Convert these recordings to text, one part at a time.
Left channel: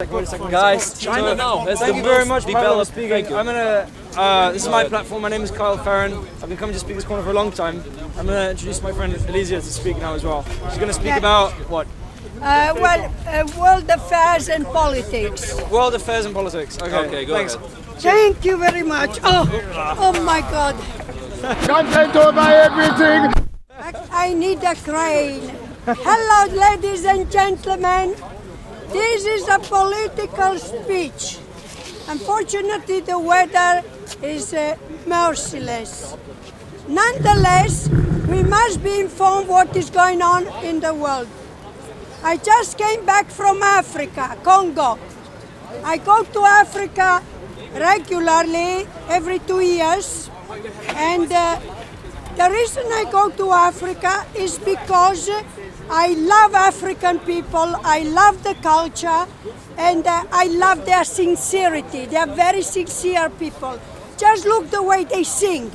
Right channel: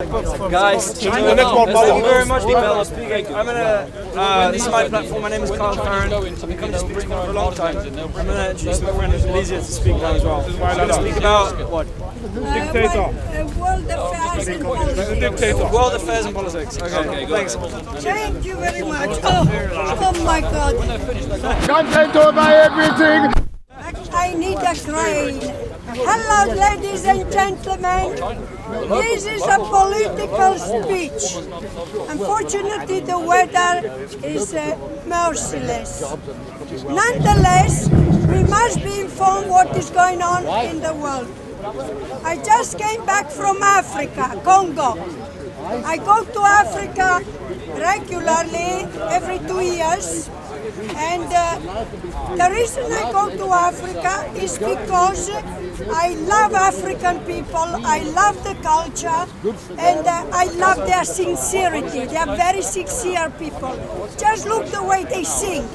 Guys, thank you very much for speaking. This is my platform. My name is Kyle Farron. I've been coming to speak to Corner for a long time. I'm going to introduce my friend Elisa to speak now as well. She's going to speak about what? World affairs and politics. World affairs and politics. Okay, thanks. Thank you very much. Oh my God. Content over everything. I need a crane. Hello, ladies and gentlemen. This is a political speech. Unfortunately, the weather is merciless. Nonetheless, we must be informed what is going on in the world. I just came back from Africa, Congo. I go to Africa regularly every 2 years, and the reason I go to Africa is because I love African people, I love the culture, and I love their sincerity. They are very sincere people. Just look the way they sing.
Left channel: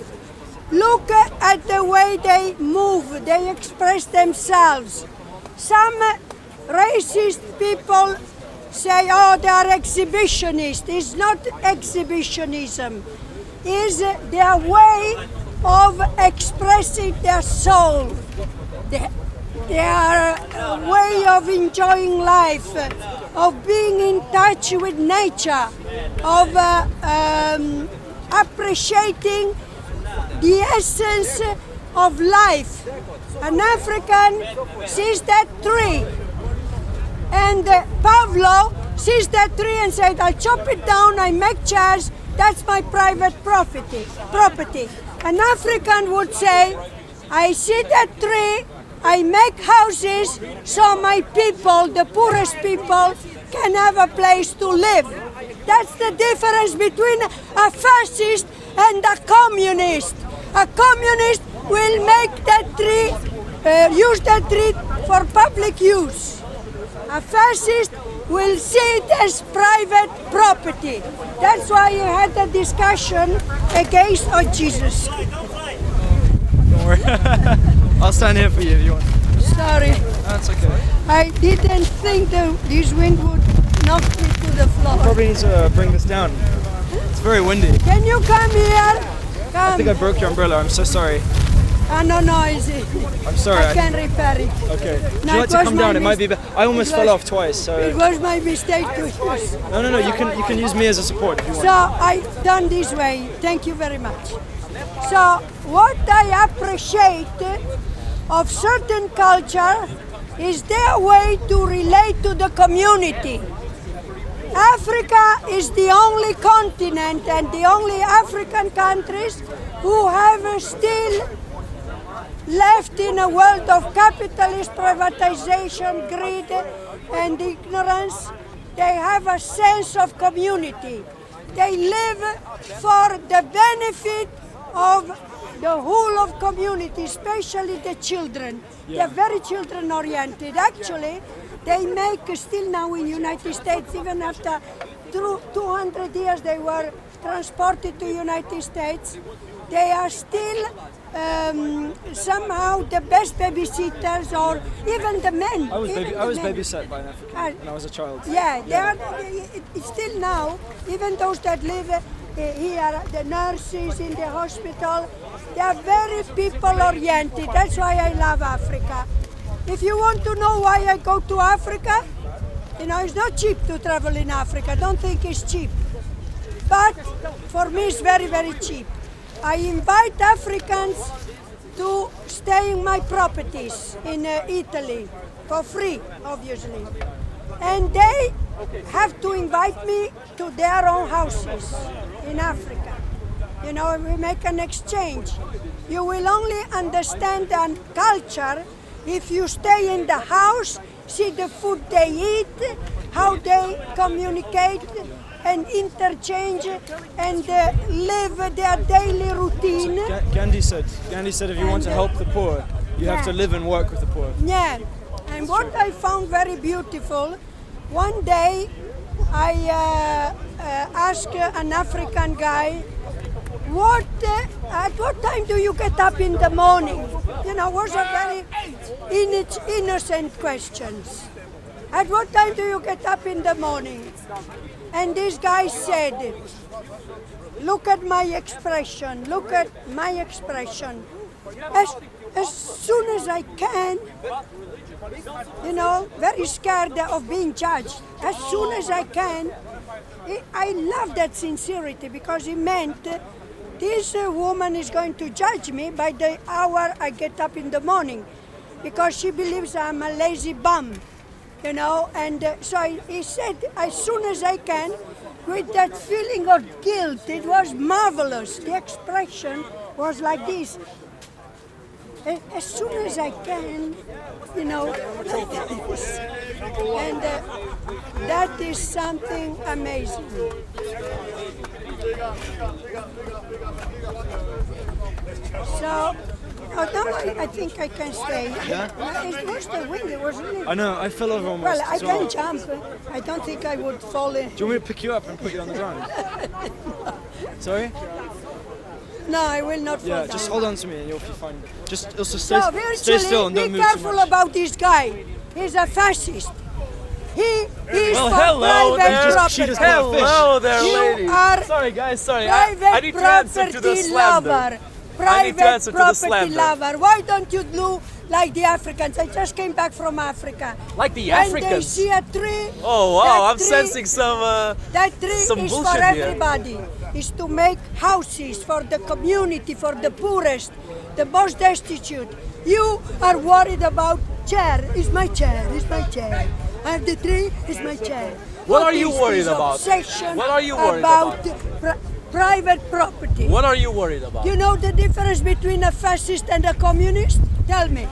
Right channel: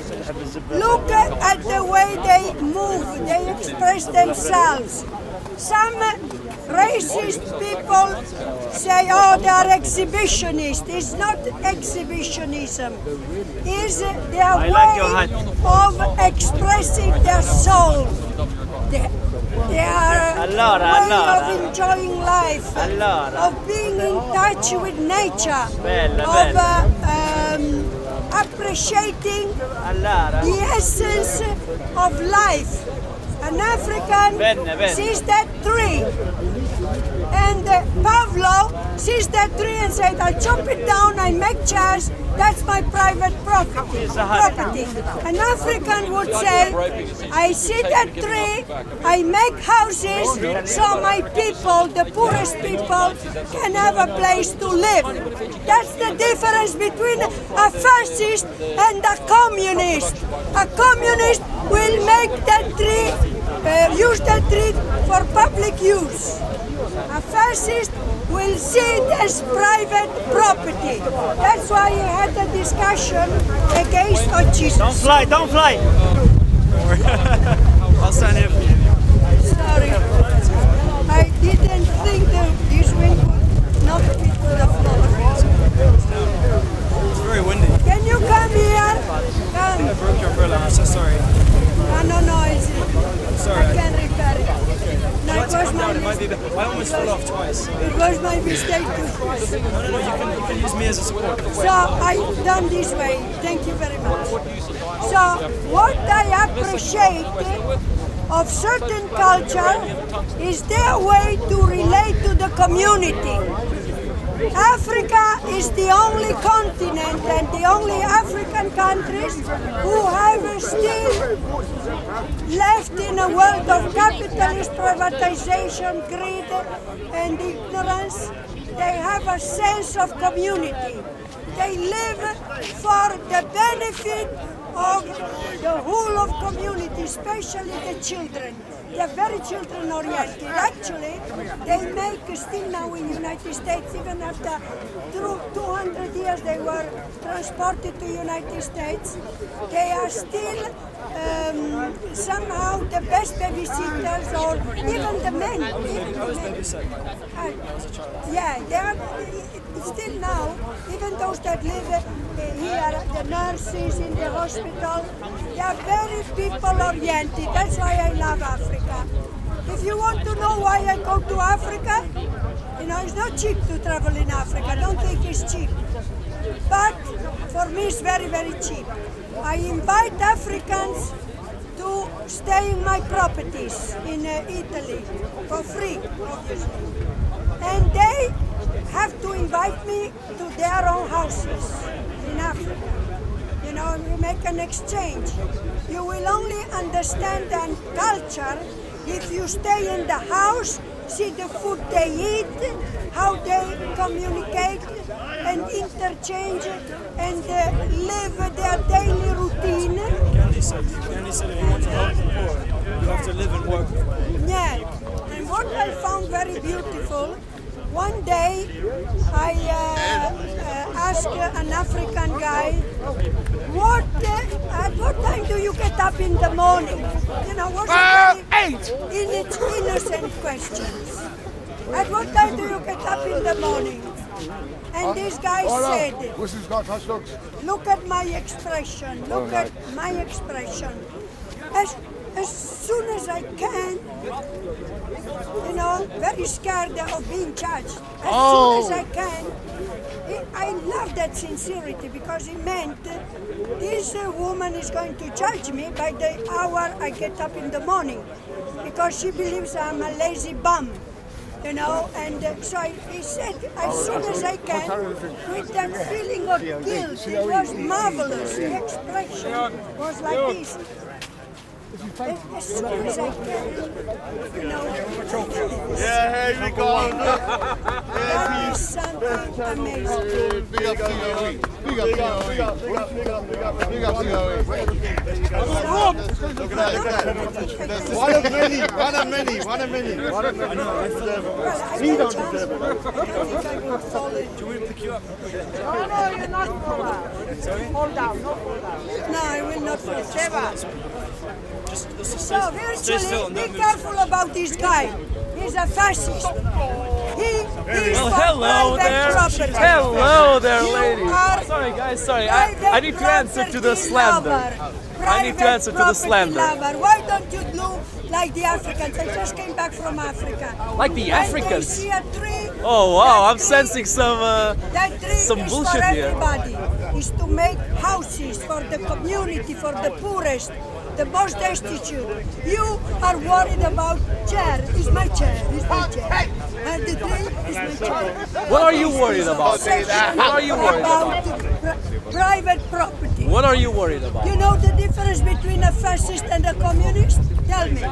Look at the way they move, they express themselves. Some racist people say, oh, they are exhibitionists. It's not exhibitionism. It's their way of expressing their soul. Their way of enjoying life, of being in touch with nature, of appreciating the essence of life. An African sees that tree, and Pavlo sees that tree and said, I chop it down, I make chairs, that's my private property. An African would say, I see that tree, I make houses so my people, the poorest people, can have a place to live. That's the difference between a fascist and a communist. A communist will make that tree, use that tree for public use. A fascist will see it as private property. That's why you had a discussion against Jesus. Don't fly! Don't worry. I'll stand here for you if you want. Sorry. That's okay. I didn't think that this wind would knock me to the floor. Probably need to bring this down. It's very windy. Can you come here? Come. I think I broke your umbrella. I'm so sorry. No, I'm sorry. I can repair it. Okay. Would No, you like to come down? It might be. I almost fell off twice. So. It was my mistake to use. No. You can use me as a support. If you So I done this way. Thank you very much. So what I appreciate of certain culture is their way to relate to the community. Africa is the only continent and the only African countries who have still left in a world of capitalist privatization, greed and ignorance. They have a sense of community. They live for the benefit of the whole of community, especially the children. They're very children-oriented. Actually, they make still now in the United States, even after 200 years they were transported to the United States, they are still somehow the best babysitters, or even the men. I was babysat by an African when I was a child. Yeah, they are still now, even those that live here, the nurses in the hospital, they are very people-oriented. That's why I love Africa. If you want to know why I go to Africa, it's not cheap to travel in Africa. Don't think it's cheap. But for me, it's very, very cheap. I invite Africans to stay in my properties in Italy for free, obviously. And they have to invite me to their own houses in Africa. We make an exchange. You will only understand the culture if you stay in the house, see the food they eat, how they communicate and interchange and live their daily routine. Gandhi said if you want to help the poor, you have to live and work with the poor. Yeah, and what I found very beautiful, one day I asked an African guy, at what time do you get up in the morning? Was a very innocent questions. At what time do you get up in the morning? And this guy said, look at my expression, look at my expression. As soon as I can, you know, very scared of being judged. As soon as I can, I love that sincerity because it meant this woman is going to judge me by the hour I get up in the morning because she believes I'm a lazy bum, you know, and so he said, as soon as I can, with that feeling of guilt, it was marvelous. The expression was like this. As soon as I can, you know, like this. And that is something amazing. So, I think I can stay. I know, I fell over on Well, I can jump. I don't think I would fall in. Do you want me to pick you up and put you on the ground? Sorry? No, I will not fall. Yeah, just hold on to me and you'll be fine. Just also So stay still and be don't move careful too much. about this guy. He's a fascist. He's Well, for hello private there. property. Hello there, You lady. are Sorry, guys. Sorry. private I need to answer to the property slander. lover. I need to answer to the Private slander. property lover. Why don't you do like the Africans? I just came back from Africa. Like the When Africans? they see a tree. Oh wow, that I'm tree- sensing some That tree some is bullshit for here. everybody. It's to make houses for the community, for the poorest, the most destitute. You are worried about chair. Is my chair? Is my chair? And the tree is my chair. What are you is worried this about? obsession What are you worried about? Private property. What are you worried about? You know the difference between a fascist and a communist? Tell me.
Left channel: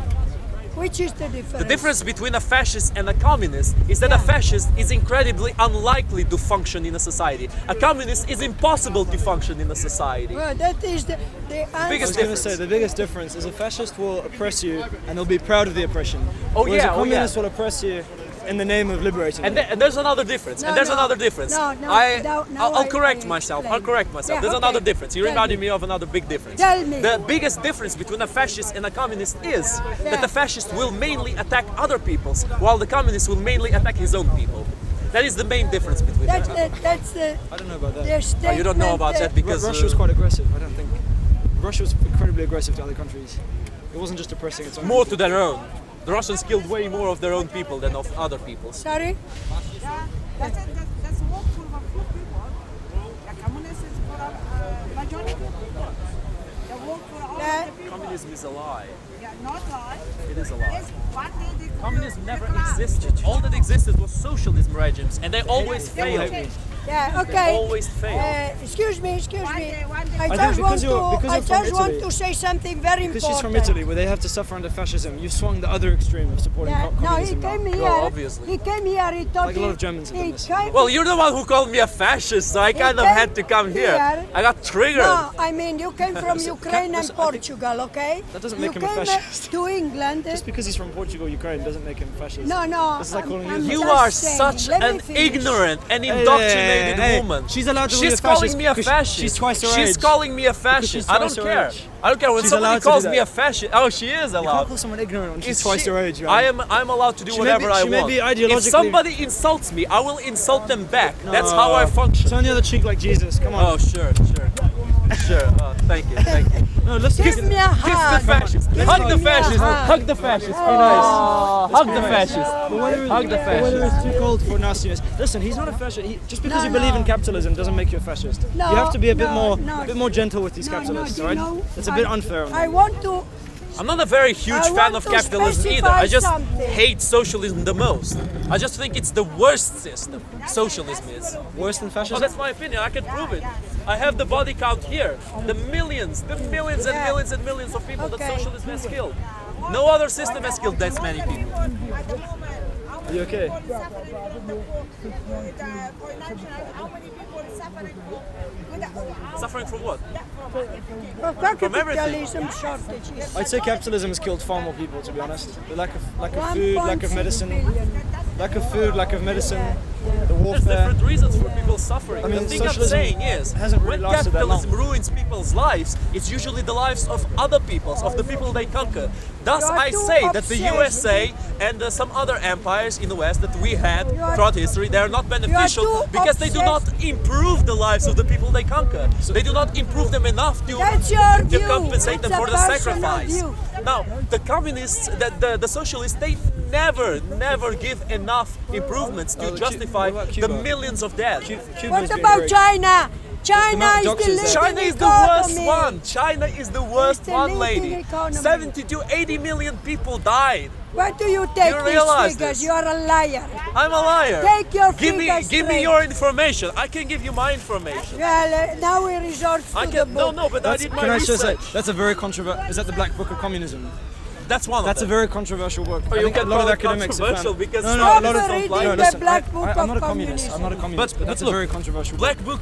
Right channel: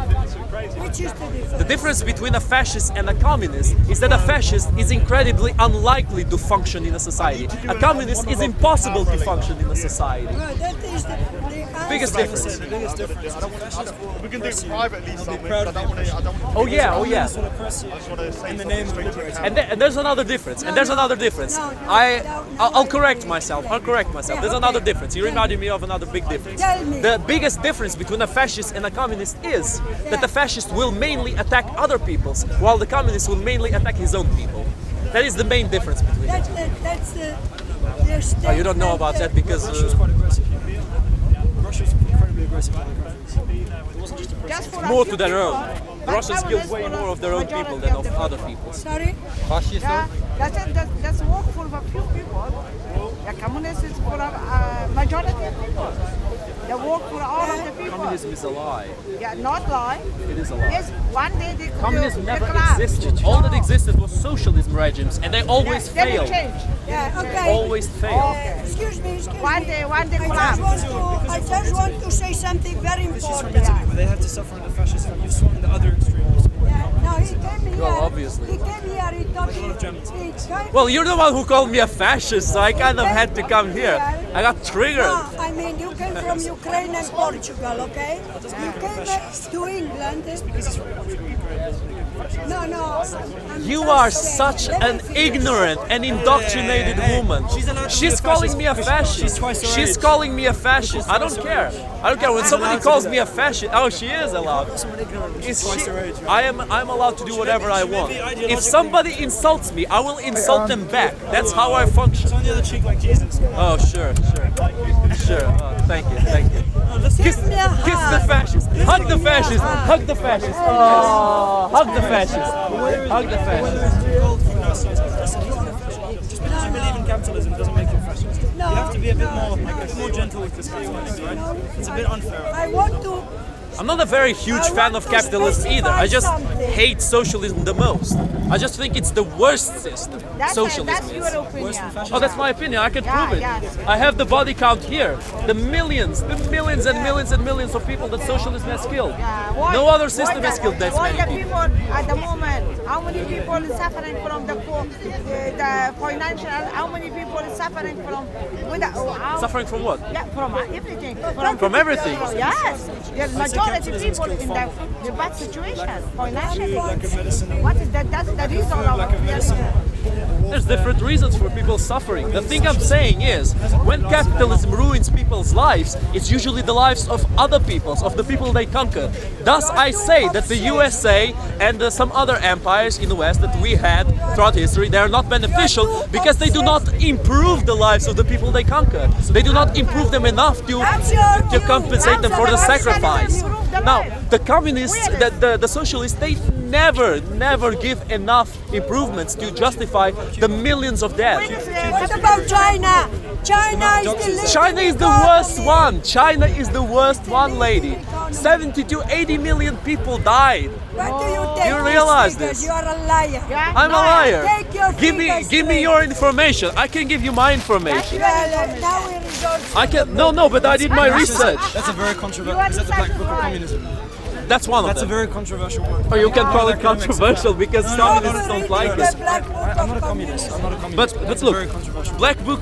Which is the difference? The difference between a fascist and a communist is that a fascist is incredibly unlikely to function in a society. A communist is impossible to function in a society. Well, that is the Biggest answer. difference. The biggest difference is a fascist will oppress you and they'll be proud of the oppression. Oh, Whereas yeah, a oh, yeah. communist will oppress you in the name of liberating And, you. and there's another difference. No, and there's no, another difference. no, no, I'll I correct myself. explain. I'll correct myself. Yeah, There's okay. another difference. You Tell reminded me. me of another big difference. Tell me. The biggest difference between a fascist and a communist is that the fascist will mainly attack other peoples, while the communist will mainly attack his own people. That is the main difference between the two. That's the. I don't know about that. The You don't know about that statement, because Russia was quite aggressive, I don't think. Russia was incredibly aggressive to other countries. It wasn't just oppressing, it's more to their own. The Russians killed way more of their own people than of other people's. Sorry? Yeah, that's work for a few people. The communist is for a majority of people. They work for all of the people. Communism is a lie. Yeah, not lie. It is a lie. Yes, one day they Communism they never collapse. existed. All that existed was socialism regimes, and they always They will failed. change. Yeah, okay. Always fail. Excuse me. One day I think just because you're from want Italy. to say something very Because important. she's from Italy, where they have to suffer under fascism. You've swung the other extreme of supporting Yeah, no, he communism. came here. Well, obviously. He came here. He thought Like a lot of Germans have done this. Well, you're the one who called me a fascist, so I kind of had to come here. I got triggered. No, I mean you came from Ukraine and Portugal, okay? That doesn't you make him a came fascist. to England. Just because he's from Portugal, Ukraine doesn't make him fascist. No, That's like calling I'm You just are saying. such Let me an finish. ignorant and indoctrinated Hey, woman. she's allowed to be She's a calling fascist me a because fascist. she's twice her She's age. calling me a fascist. I don't twice her care. age. I don't care when She's somebody allowed to calls do me a that. fascist. Oh, she is You can't allowed. call someone ignorant when she's Is twice she- her age, right? I'm allowed to do She may whatever be- I she may want. be If ideologically- somebody insults me, I will insult them back. That's how I function. Turn the other cheek like Jesus, come on. Oh, sure. Oh, thank you. No, let's Give me a Kiss the hug. fascist. Give Hug me the a fascist. hug. Hug the fascist. Hug the fascist. Hug the The fascist. weather is too cold for nastiness. Listen, he's not a fascist. Just because you believe in capitalism doesn't make you a fascist. No, you have to be a bit no, more gentle with these capitalists, you right? know, It's a bit unfair. I want to. I'm not a very huge I fan want of to capitalism either. I just specify something. hate socialism the most. I just think it's the worst system. Socialism that's is. your opinion. Worse than fascism. Oh, that's my opinion. I can Yeah, prove it. yeah. I have the body count here. The millions and millions and millions of people that Okay. socialism has killed. Yeah, No other system has killed that all many the people. At the moment, how many You okay? people is suffering from the financial? How many people is suffering from Suffering from what? Yeah, from everything. From everything. Yes. I'd say capitalism has killed far more people, to be honest. Lack of food, lack of medicine, What is that? That's the lack of reason food, of- lack of medicine, There's different reasons for people suffering. The thing I'm saying is, when capitalism ruins people's lives, it's usually the lives of other peoples, of the people they conquer. Thus, I say that the USA and some other empires in the West that we had throughout history, they are not beneficial because they do not improve the lives of the people they conquer. They do not improve them enough to compensate them for the sacrifice. Now, the communists, the socialists, they never give enough improvements to justify the millions of deaths. What about China? China is the worst one. China is the worst one, lady. 70 to 80 million people died. Where do you take You realize these figures? this? You are a liar. I'm a liar. Take your Give me straight. your information. I can give you my information. Well, now we resort to I the can. No, but I did my research. That's a very controversial. Is that the Black Book of Communism? That's one of That's a them. very controversial work. Or you can A lot call of it academics controversial have- because No, communists no, don't no, like no, it. the Black Book I'm not a of communist. Communism. I'm not a communist. But That's look, a very controversial. Black Book.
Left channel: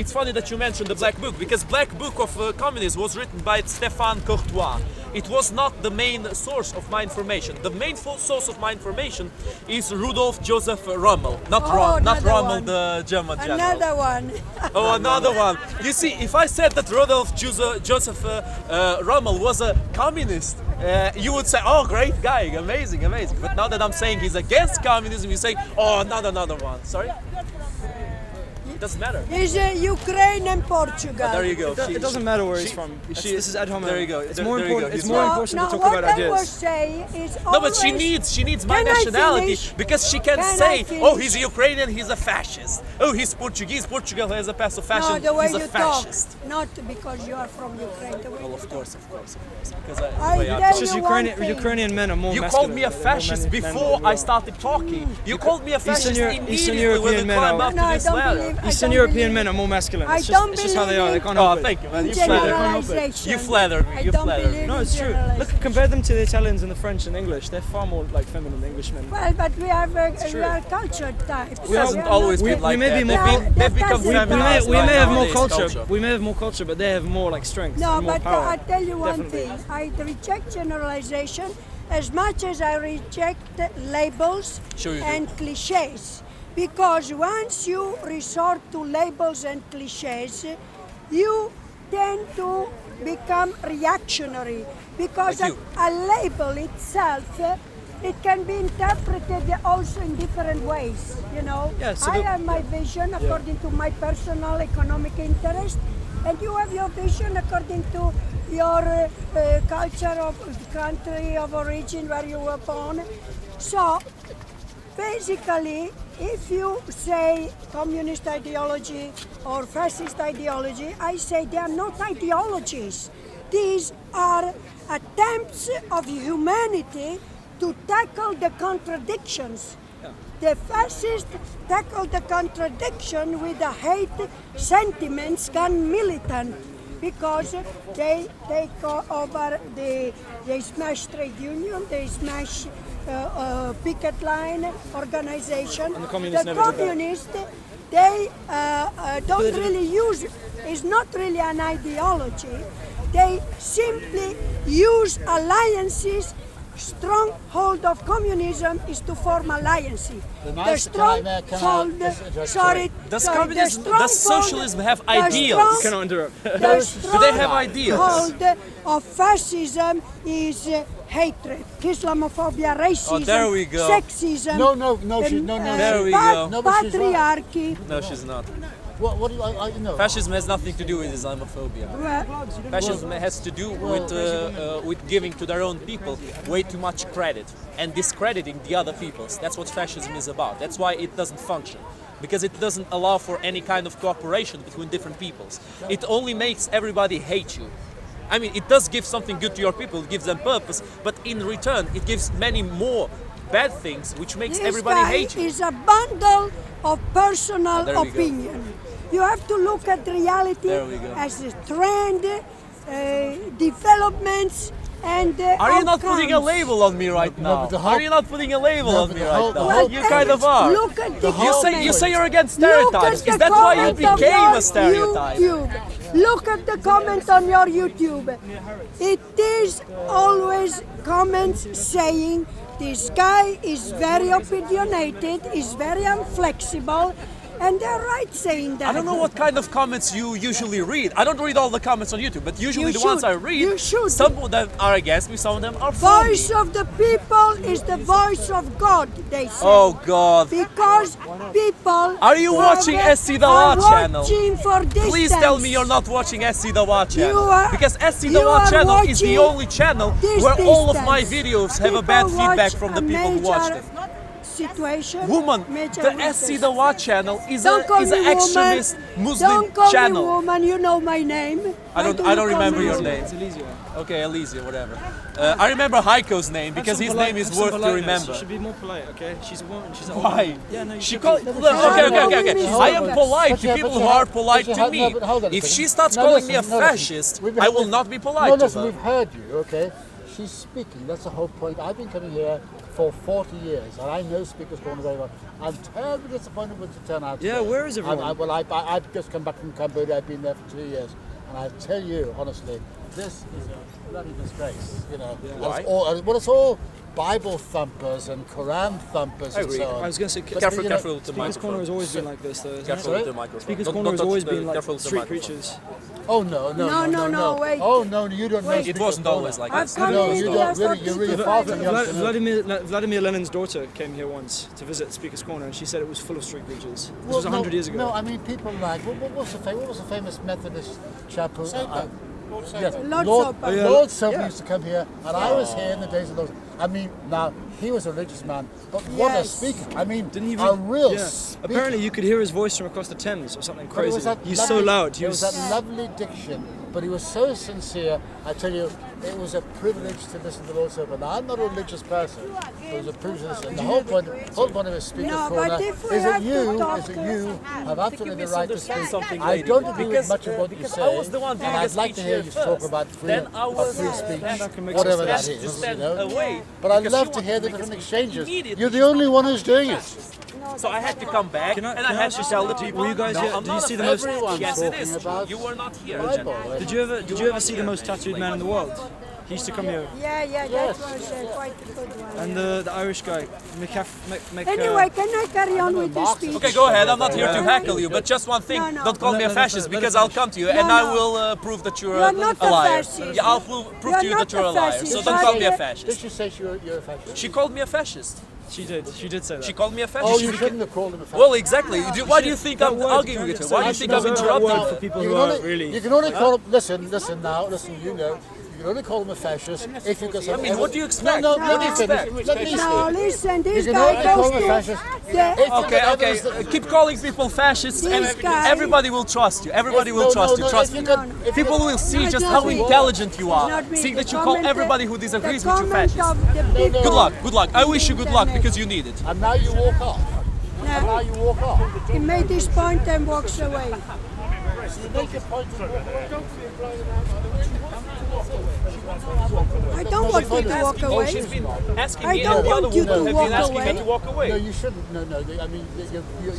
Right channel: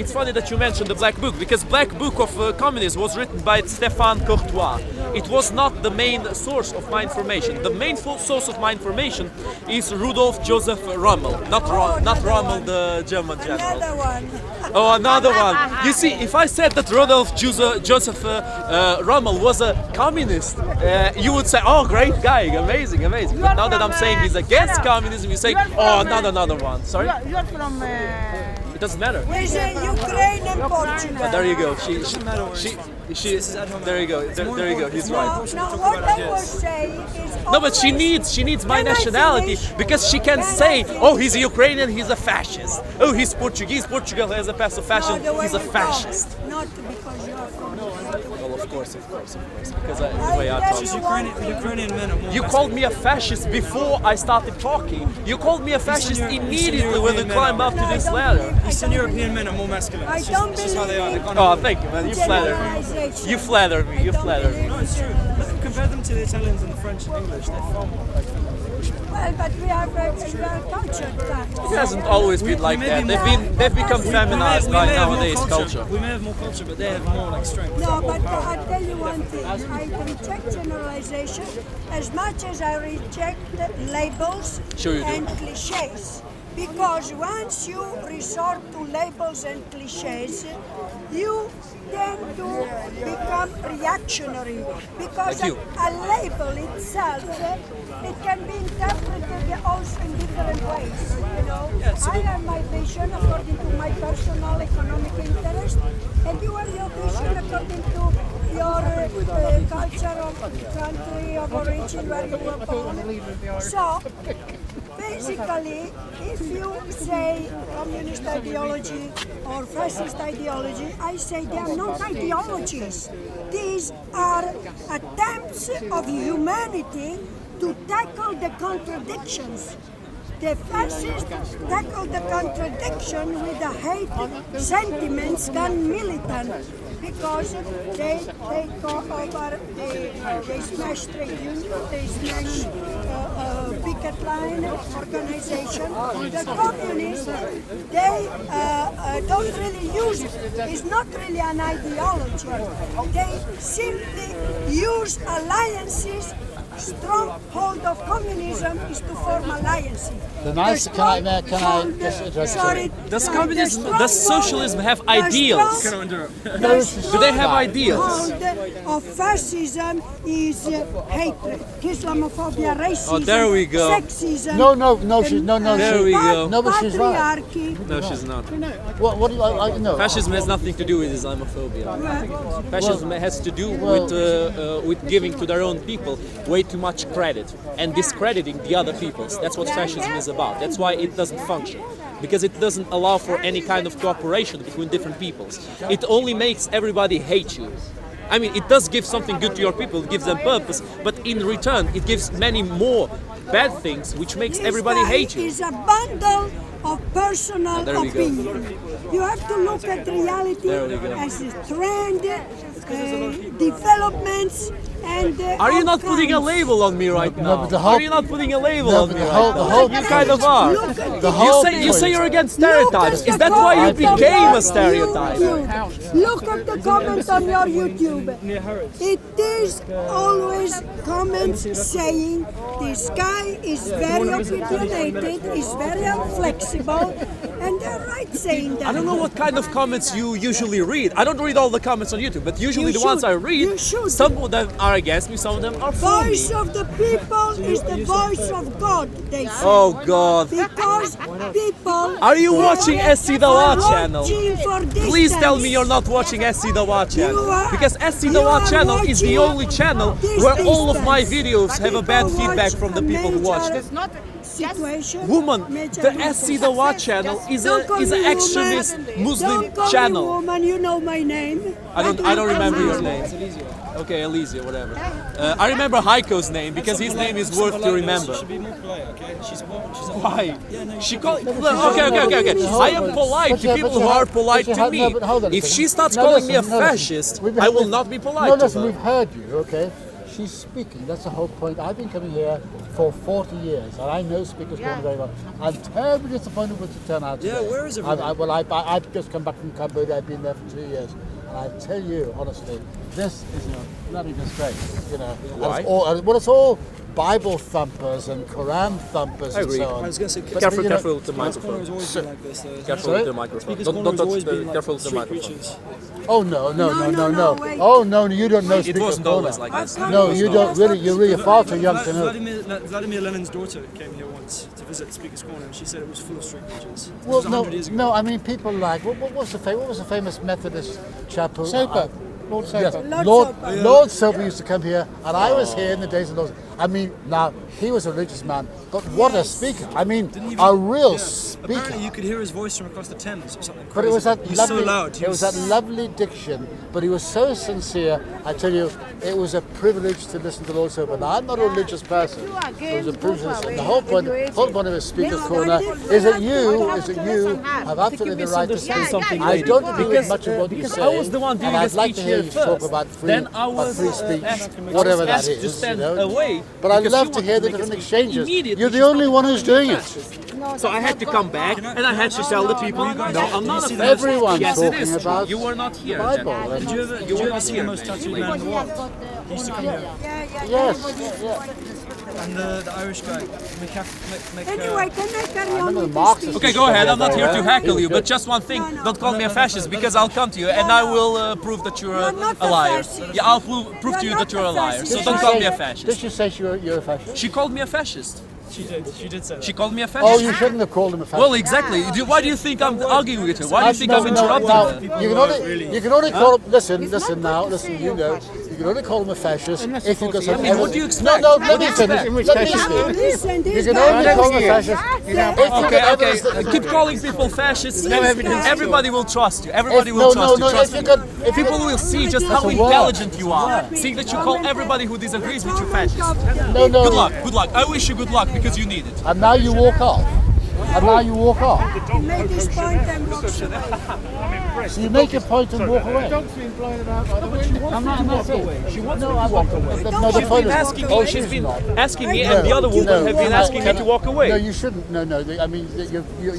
It's funny that you mentioned the Black Book because Black Book of Communism was written by Stéphane Courtois. It was not the main source of my information. The main source of my information is Rudolf Joseph Rommel, not another Rommel, one. the German general. Another one. Oh, another one. You see, if I said that Rudolf Joseph Rommel was a communist, you would say, oh, great guy, amazing. But now that I'm saying he's against communism, you say, oh, another one. Sorry? You're from... It doesn't matter. He's Ukraine and Portugal. There you go. It doesn't matter where he's from. This is ad hominem. There you go. It's There more you go. important. He's It's more right. important to talk what about I was ideas. saying is No, but she always- needs my Can I nationality finish? because she can Can I say, finish? oh, he's a Ukrainian, he's a fascist. Oh, he's Portuguese, Portugal has a past of No, fashion, the way he's a you fascist. talk, not because you are from Ukraine. The way Well, you of course, because the I way I tell talk. It's just you one thing. Ukrainian men are more You masculine. called me a fascist before I started talking. You called me a fascist Eastern immediately when we European men climbed are- up No, to I this don't ladder. believe- Eastern European men are more masculine. I It's don't just how they are. They believe can't Oh, help it. thank you, man. You in flatter me. generalization. You flatter me. I You don't flatter me. believe No, in it's true. Look, generalization. compare them to the Italians and the French and English. They're far more like feminine Englishmen. Well, but we are cultured types. It hasn't always been like may that. be more- They've become We may- feminized We by may have more nowadays culture. We may have more culture, but they have more like strength. No, more but power. I tell you one thing. I reject generalization as much as I reject labels Sure you do. and cliches. Because once you resort to labels and cliches, you tend to become reactionary. Because Like you. a label itself, it can be interpreted also in different ways, you know. Yeah, so I the- have my vision according to my personal economic interest, and you have your vision according to your culture of country of origin where you were born. So, basically, if you say communist ideology or fascist ideology, I say they are not ideologies. These are attempts of humanity to tackle the contradictions. The fascists tackle the contradiction with the hate sentiments gone militant because they take over they smash trade union, they smash picket line organization. The communists, they don't really use, it's not really an ideology. They simply use alliances. Stronghold of communism is to form alliances. The nice- can I just address sorry, Does sorry, communism, the does stronghold- socialism have the ideals? strong- Cannot interrupt. Do they have ideals? stronghold of fascism is hatred, Islamophobia, racism, Oh, there we go. sexism. There we go. No, but she's right. patriarchy. No, she's not. What do you know? Fascism has nothing to do with Islamophobia. Well, Fascism has to do with giving to their own people way too much credit and discrediting the other peoples. That's what fascism is about. That's why it doesn't function. Because it doesn't allow for any kind of cooperation between different peoples. It only makes everybody hate you. I mean, it does give something good to your people, it gives them purpose, but in return, it gives many more bad things, which makes this everybody guy hate you. is a bundle of personal There we go. opinion. You have to look at reality There we go. as a trend, developments, and Are you not putting a outcomes. label on me right No, now? but the whole- Are you not putting a label No, on but me the right whole- now? the whole You point- kind of are. Look at The the whole You say you're against Look stereotypes. at Is the that why you comment on became your a stereotype? YouTube. Look at the comment on your YouTube. It is always comments saying this guy is very opinionated, is very inflexible, and they're right saying that. I don't know what kind of comments you usually read. I don't read all the comments on YouTube, but usually You the ones should. I read, You should. some of them are against me, some of them are for me. Voice of the people is the voice of God, they say. Oh God. Because people Are you watching SC Dawa channel? watching for Please tell me distance. you're not watching SC Dawa channel. You are- Because SC you Dawa are channel is the watching only channel this where all of my distance. videos have a bad People feedback watch from the a people who watched it. major situation. Woman, major the weakness. SC Dawa channel is Don't call an me woman. extremist Muslim Don't call channel. me woman, you know my name. I don't Why do you remember call me your woman? name. Okay, Elisa, whatever. I remember Heiko's name because his name is worth to remember. She should be more polite, okay? She's a woman. She's a Why? Yeah, no, you She should called. be. Okay. Hold I am on. polite But to you- people but you who have- are polite but you to have- me. no, but hold on a If second. she starts No, calling me a listen, no, listen. fascist, We've- I will not be polite No, to listen, her. we've heard you, okay? She's speaking, that's the whole point. I've been coming here for 40 years, and I know Speaker's Corner very well. I'm terribly disappointed with the turnout Yeah, today. where is everyone? I've just come back from Cambodia, I've been there for 2 years, and I tell you, honestly, this is a bloody disgrace, you know. And Why? It's all Bible thumpers and Quran thumpers I and agree. so on. I was going to say, But, Careful, you know, careful with the Speaker's Corner microphone. has always been like this, though. isn't it? Careful Sorry? with the microphone. Speaker's Don't Corner has touch always the. been like Careful with the street microphone. preachers. Oh no, No, wait. Oh no, you don't know Wait. It Speaker's wasn't Corner. always like I've this. come No, here you for don't really. You're really far too young to know. Vladimir Lenin's daughter came here once to visit Speaker's Corner, and she said it was full of street preachers. This Well, was 100 years ago. No, I mean people like what was the famous Methodist chap who? Soper. Lord Soper. Yes, Lord Lord Soper. Yeah. Lord Soper used to come here, and I was here in the days of those. I mean, now he was a religious man, but what a Yes. speaker! I mean, Didn't even- a real yeah. speaker. Apparently, you could hear his voice from across the Thames or something But crazy. it was that He's lovely, so loud. He it was that lovely diction, but he was so sincere. I tell you, it was a privilege to listen to Lord Soper. Now, I'm not a religious person. It was a privilege to listen. The whole point of a speaker's Yeah, corner but if is that we you have to have absolutely the right to speak. something, I lady. don't agree with Because, much of what you because say, I was the one and giving a I'd like speech to hear here you first. talk about Then I was free speech, asked whatever that to is. stand You know? away. But I'd because love you to want hear the make a different speech exchanges. immediately. You're the only one who's doing it. So I had to come back and I had to tell the people, you guys, No, I'm did you not see a the fascist. Everyone's Yes, it talking is. about You were not here. Bible. Jen. Did you ever see the most tattooed man in the world? He used to come here. Yeah. Yes, And the Irish guy, Anyway, can I carry on with this Marxist. speech? Okay, go ahead. I'm not here to heckle you, but just one thing. No. Don't call me a fascist because I'll come to you and I will prove that you're You're not a a liar. fascist. Yeah, I'll prove to you You're that you're a not a liar. fascist. So Did don't she call say- me a Did fascist. she say you're a fascist? She called me a fascist. She did say that. She called me a Oh, fascist. you shouldn't have called him a fascist. Well, exactly. Why do you think I'm arguing with her? Why do you think I'm interrupting her? You can only call him. Listen, you know. You can only call him a fascist if you got some. I mean, what do you expect? No, What let do you me finish. expect? Let me Now, finish. listen, You this can guy only call him a knows fascist. Yeah. If you Okay, get okay. evidence- Keep calling people fascists and This guy- everybody will trust you. Everybody If- will no, trust no, you. no, Trust if you me. got- if you People got- will see just Not how me. intelligent you are. Not me. Seeing that you The call comment- everybody who disagrees with you the comment fascist. of the No, no. people- Good luck. Good luck. I wish you good luck because you need it. And now you walk off. And now you walk off. He made his point and walks away. So you make your point and walk away. I'm not saying. No, I walk away. I don't No, want the him point to is. walk Oh, away. she's been asking I me don't and the other want you woman to have been walk asking her away. to walk No, away. you shouldn't. No. I mean,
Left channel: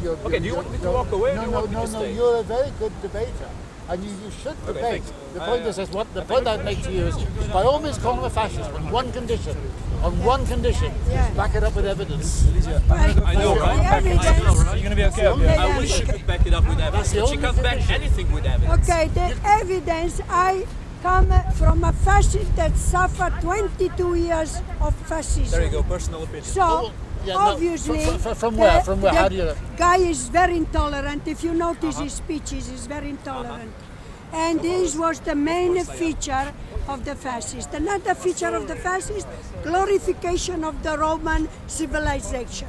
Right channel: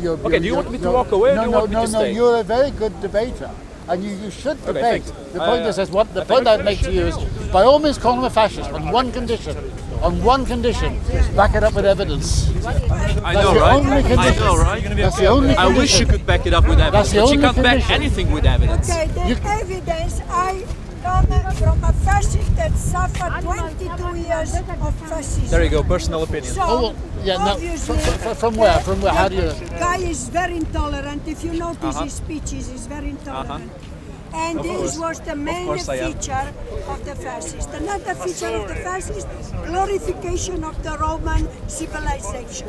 you're. Okay, do you want me to walk away or do you want me to stay? You're a very good debater. And you should debate. thanks. The point is, the point I'd make to you is, by all means, call him a fascist on one condition. On one condition, back it up with evidence. I know, right? I know, right? You're gonna be That's okay. the only I wish condition. you could back it up with evidence, the but she only can't back condition. anything with evidence. Okay, the evidence, I come from a fascist that suffered 22 years of fascism. There you go, personal opinion. So, Oh, well, yeah, no, obviously, from where? From where? How do you? The guy is very intolerant. If you notice his speeches, he's very intolerant. And this was the main course I am. feature of the fascist. Another feature of the fascist, glorification of the Roman civilization.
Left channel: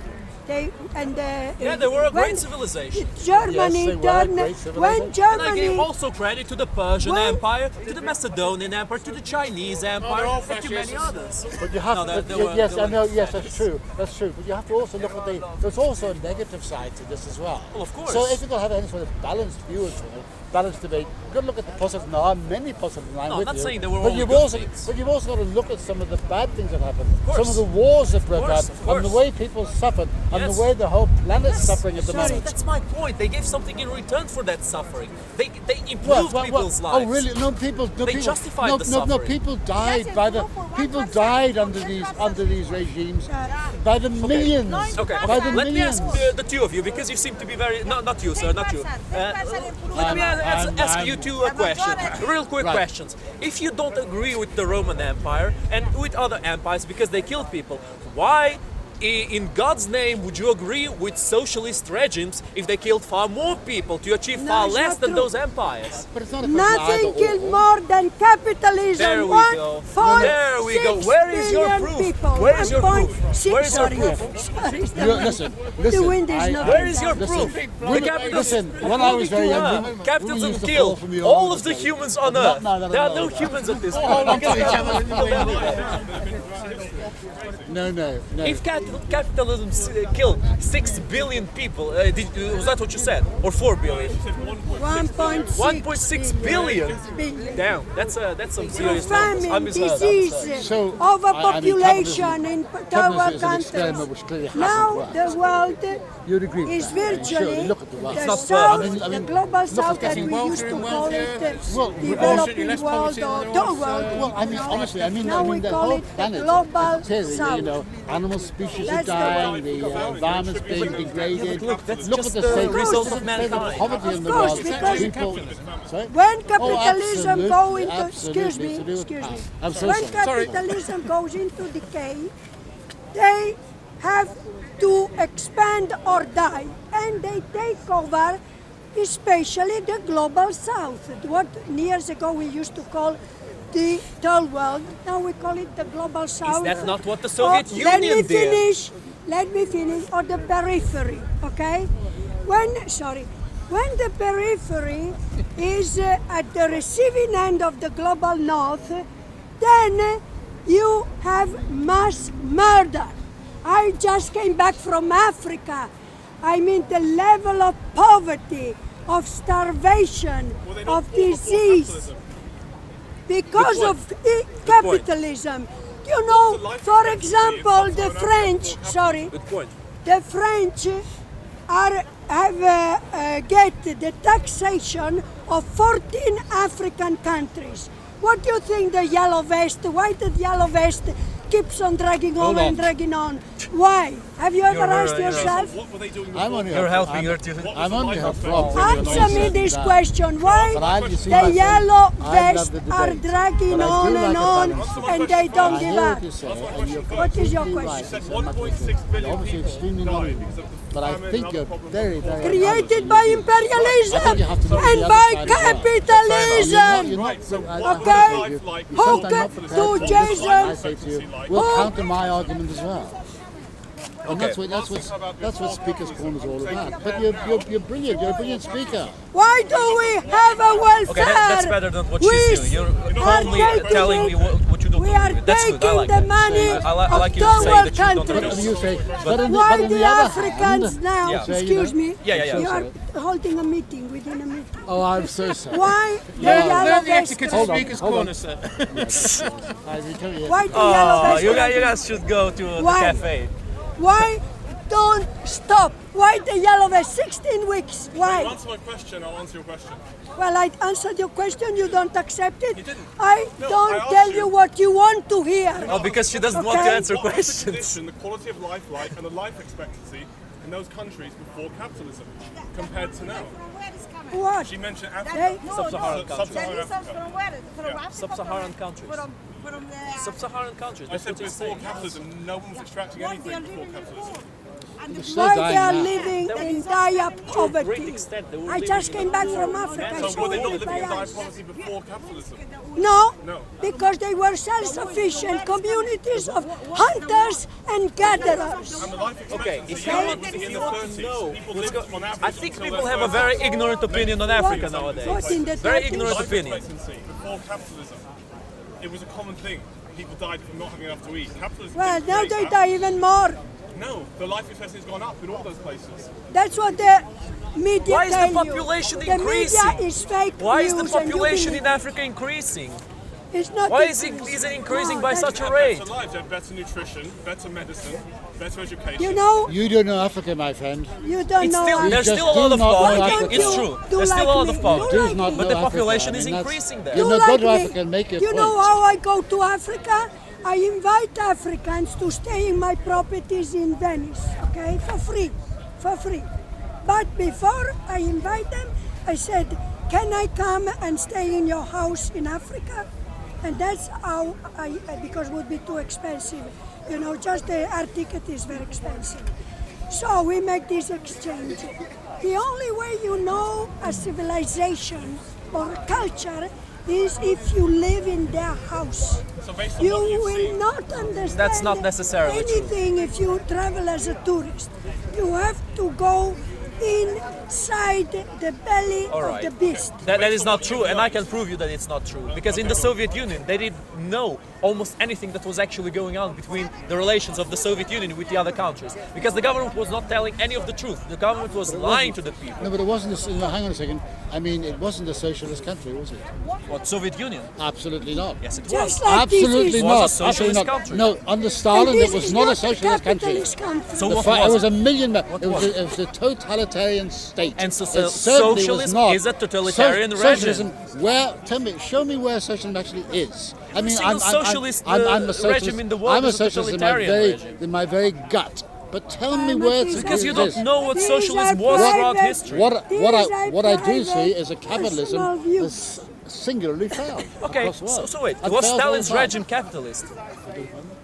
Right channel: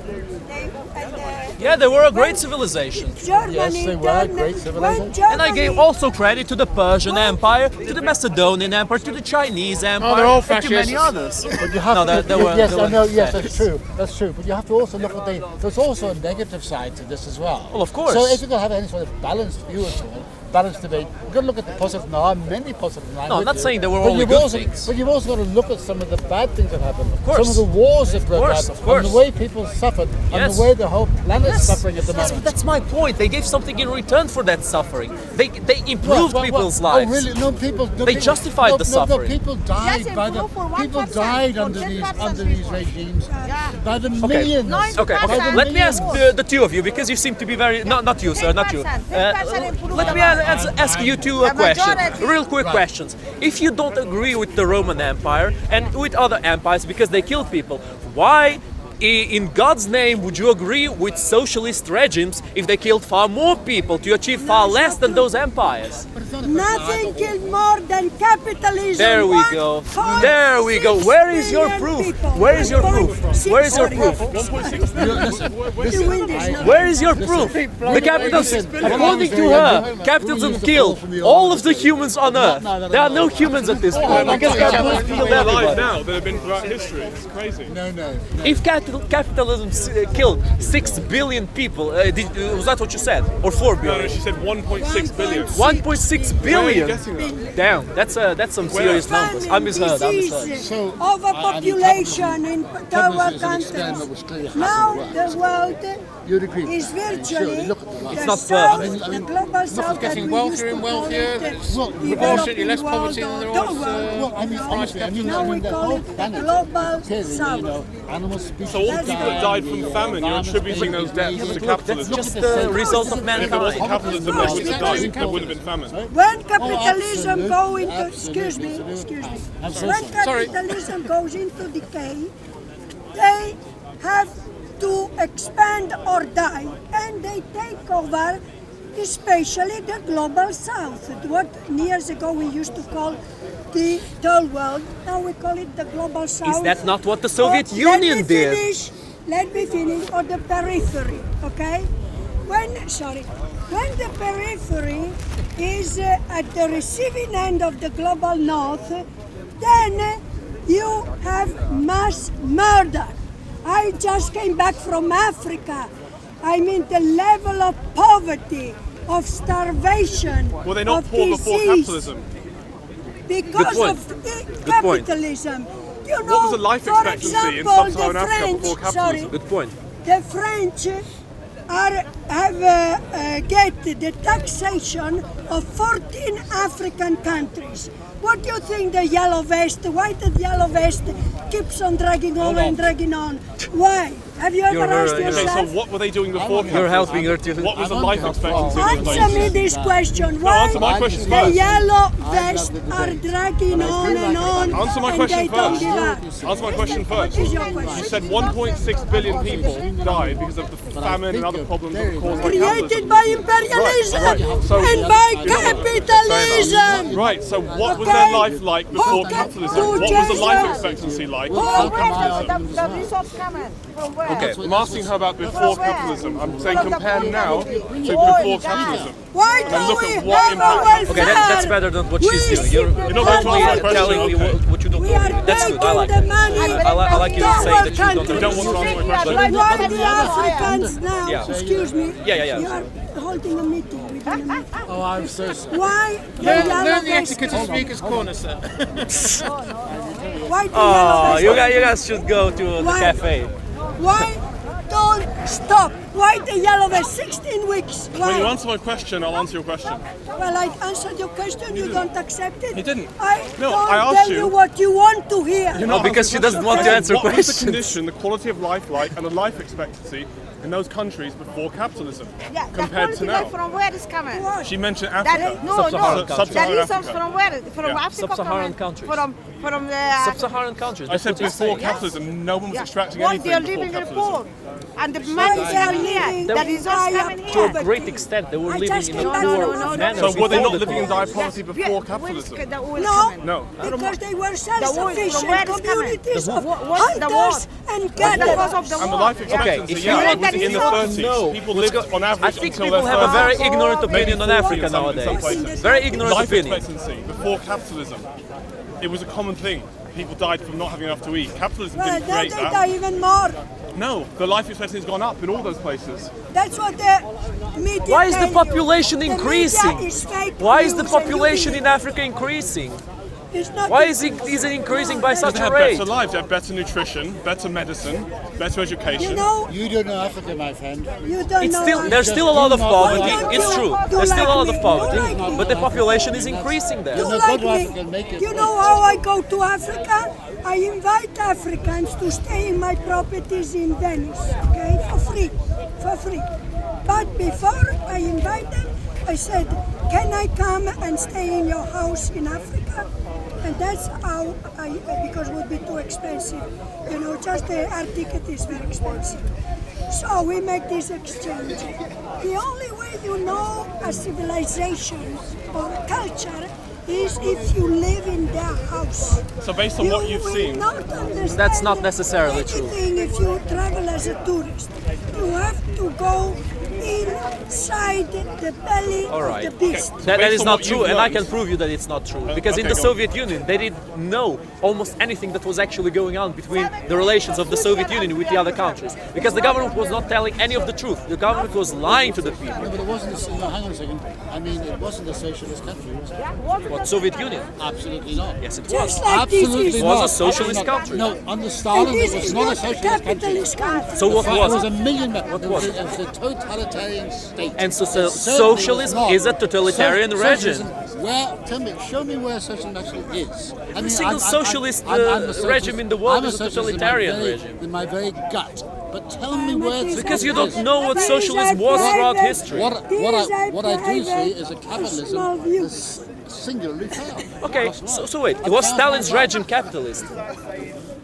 Yeah, they were a great civilization. Germany, Yes, they were a great civilization. when Germany, And I gave also credit to the Persian Empire, to the Macedonian Empire, to the Chinese Empire, they're all and to many others. But you have No, to. they were- Yes, they I were know. Yes, fascists. that's true. That's true. But you have to also look at there's also a negative side to this as well. Well, of course. So if you're going to have any sort of balanced view at all, balanced debate, you've got to look at the positive. Now, there are many positive. No, I'm not saying there were but only you've good also, things. But you've also got to look at some of the bad things that happened. course. Some of the wars that broke course, out, of course. and the way people suffered. and Yes. the way the whole planet's suffering at the moment. That's my point. They gave something in return for that suffering. They improved people's lives. Oh, really? No, people. No, They people, justified the suffering. No, people died Yes, by the improve for 1%, people died for under 10%. these regimes Yeah. by the millions. Okay, By the let me ask millions. the two of you, because you seem to be very... Not you, sir, not you. 10% improvement. Let me ask you two The questions, majority. real quick Right. questions. If you don't agree with the Roman Empire and with other empires because they killed people, why in God's name would you agree with socialist regimes if they killed far more people to achieve far it's less not than true. those empires? But it's not a question Nothing either killed or. more than capitalism. There we go. There we go. Where is your proof? Where is your proof? Where is your proof? Listen, The wind is I- not. Where is your proof? The capitalism, Listen, when I according was to very her, young, capitalism we used to killed fall from the all old of the humans on Earth. no, There are no no. humans at this point because capitalism killed everybody. now that have been throughout history. It's crazy. No. If capitalism killed 6 billion people, was that what you said? Or 4 No, billion? she said 1.6 billion. 1.6 billion? Damn, that's some serious numbers. I misheard. Disease, So, overpopulation in third world capitalism is an experiment countries. which clearly hasn't Now worked. the world You'd agree with is that. I mean, virtually surely, look at the world. the not south, I mean, the global south that getting we used wealthier to and call wealthier. it Well, developing less world poverty or than there third was, world. Well, I mean, honestly, I mean, Now we the call whole it the planet. global Clearly, south. you know, animal species So all are the people that died dying, from the famine, you're environment's attributing being those deaths to degraded. Look, that's capitalism. Look just at the the same- result of Look at the mankind. poverty in the Of course, world. because- People- Wouldn't have been famine. Sorry? When Oh, capitalism go into, absolutely, excuse me, absolutely. I'm so when sorry. capitalism goes into decay, they have to expand or die, and they take over, especially the global south. What years ago we used to call the third world, now we call it the global south. Is that not what the Soviet Let Union me did? finish. Let me finish. Or the periphery, okay? When the periphery is at the receiving end of the global north, then you have mass murder. I just came back from Africa. I mean, the level of poverty, of starvation, Were they not of poor before disease, capitalism? because point. of capitalism. You What was know, the life for expectancy in example, the sub-Saharan Africa French, before sorry, capitalism? Good point. the French have get the taxation of 14 African countries. What do you think the yellow vest, why the yellow vest keeps on dragging on and dragging on? Why? Have you ever You're asked very- Okay, so yourself? what were they doing I'm before? on You're your- helping her to... What was I'm the on life your expectancy? phone. Answer me this question. Why answer my But I question just- the first. yellow I love vests the are debate. dragging But I do on like and the on, balance. Answer my and question they don't first. give I hear up? what you're saying. Answer my question What first. is your You question? said 1.6 billion people died because of the But I famine think and other you're problems very, that were caused by very- Created capitalism. by imperialism Right. You have to go to and the by other side as well. capitalism. Right, so what was Okay. their life like before Who can capitalism? do What was the life Jesus? expectancy like? We'll before counter my argument as The well. results coming from where? Okay, That's what- I'm that's asking what's- her about that's before what's- capitalism. I'm saying You're- compare You're now brilliant. to You're before brilliant capitalism. speaker. Why do look we at what have a impact- welfare? Okay, that's better than what she's We doing. You're not are only taking- telling me what you don't We agree are with. That's good. I taking like the that. money I like you to of say third that you don't world agree. don't countries. want to answer my question. But Why on the the other Africans hand- now, Yeah. excuse me, Yeah. you are holding a meeting within a meeting. Oh, I'm so sorry. Why the Learn yellow the vest? etiquette of Speaker's Corner, sir. I will tell you. Why the yellow Oh, vest? you guys should go to the Why? cafe. Why don't stop? Why the yellow vest? 16 weeks. When you Why? answer my question, I'll answer your question. Well, I answered your question. You don't accept it. You didn't. I No, don't I asked tell you. you what you want to hear. Oh, because she doesn't want to Okay. answer What was the questions. condition, the quality of life like, and the life expectancy in those countries before capitalism Yeah, compared to now? From where is coming? What? She mentioned That, Africa. no, Sub-Saharan no. countries. The Sub-Saharan results Africa. from where? From Yeah. Africa. Sub-Saharan coming? countries. From the Sub-Saharan countries. I That's said what you're before saying. capitalism, no one was extracting What they are anything before living poor. capitalism. And the Why they are money living that in is dire coming here. To a poverty. great extent, they were I living just in came a back poor from Africa. manner. So were they not before the living in poor. dire poverty before capitalism? No, No. because they were self-sufficient where is coming? communities of What's the hunters and gatherers. And the life expectancy, Okay, if yeah, you it want was to in the know, 30s. People lived on average I think until people their have a very 30s. ignorant opinion on Africa some nowadays. places. Very ignorant Life opinion. expectancy before capitalism, it was a common thing. People died from not having enough to eat. Capitalism Well, didn't now create they that. die even more. No, the life expectancy has gone up in all those places. That's what the media Why is the tell you. population The increasing? media is fake Why is the news and you population believe in Africa increasing? It's not Why is increasing. it increasing No, by that's such They a have rate? better lives, they have better nutrition, better medicine, better education. You know, You don't know Africa, my friend. you don't It's know. still, Africa. there's just still a lot do of not poverty. know Africa. It's true. Do There's still a like lot of me. poverty, Do like me. but the Africa. population I is mean, that's- increasing there. You know, like go to me. Africa and make your You know point. how I go to Africa? I invite Africans to stay in my properties in Venice, okay, for free. But before I invite them, I said, can I come and stay in your house in Africa? And that's how because it would be too expensive. You know, just our ticket is very expensive. So we make this exchange. The only way you know a civilization or culture is if you live in their house. So based on what you've will seen, not understand That's not necessarily true. anything if you travel as a tourist. You have to go inside the belly All right. of the beast. That Based is on not what true, you've and I learned. can prove you that it's not true. Because in okay, the go on. Soviet Union, they didn't know almost anything that was actually going on between the relations of the Soviet Union with the other countries. Because the government was not telling any of the truth. The government was lying to the people. No, but it wasn't. No, hang on a second. I mean, it wasn't a socialist country, was it? What, Soviet Union? Absolutely not. Yes, it was. Just like this Absolutely is, was a not. socialist Absolutely not. country. No, under Stalin, and it this was is not a not socialist country. capitalist country. So what It was was it? a million. It was it? was a totalitarian state. And so It certainly was socialism not. is a totalitarian regime. Socialism, where? Tell me, show me where socialism actually is. I mean, single socialist, I'm a regime socialist. in the world I'm is a socialist totalitarian in my very, regime. in my very gut. But tell me where it's Because you exists. don't know what These socialism are was throughout private- history. What I do private see is a personal capitalism views. has singularly failed. Okay, across the world. so wait, And was failed Stalin's very hard. regime capitalist?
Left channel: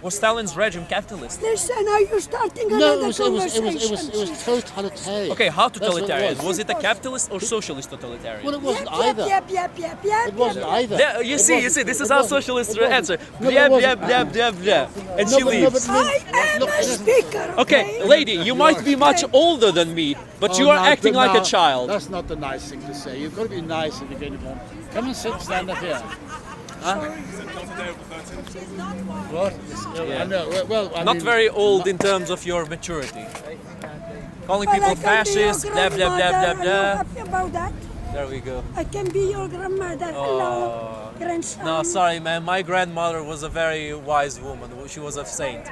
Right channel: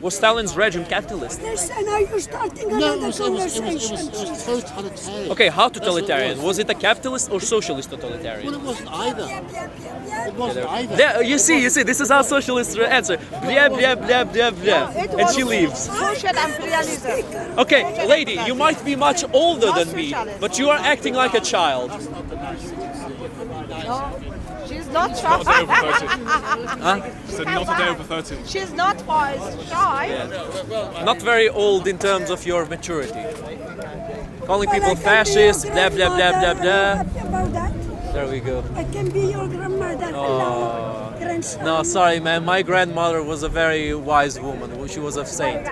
Was Stalin's regime capitalist? Listen, are you starting No, another it was totalitarian. Okay, how That's what it totalitarian? was. Was it a capitalist or socialist totalitarian? Well, it wasn't either. It wasn't either. There, you see, this is how socialists answer. Blah, blah, blah, blah, blah. And she leaves. I am the speaker. Okay, lady, you might be much older than me, but you are acting like a child. That's not the nice thing to say. You've got to be nice. She's not not a day over 30. Huh? Said not a day over 30. She's not shy. Well, I Not mean, very old in terms of your maturity. Calling Well, people I can be your fascists, blah, blah, blah, blah, grandmother. Are you blah. happy about that? There we go. I can be your grandmother. Hello, grandson. No, sorry, man. My grandmother was a very wise woman. She was a saint.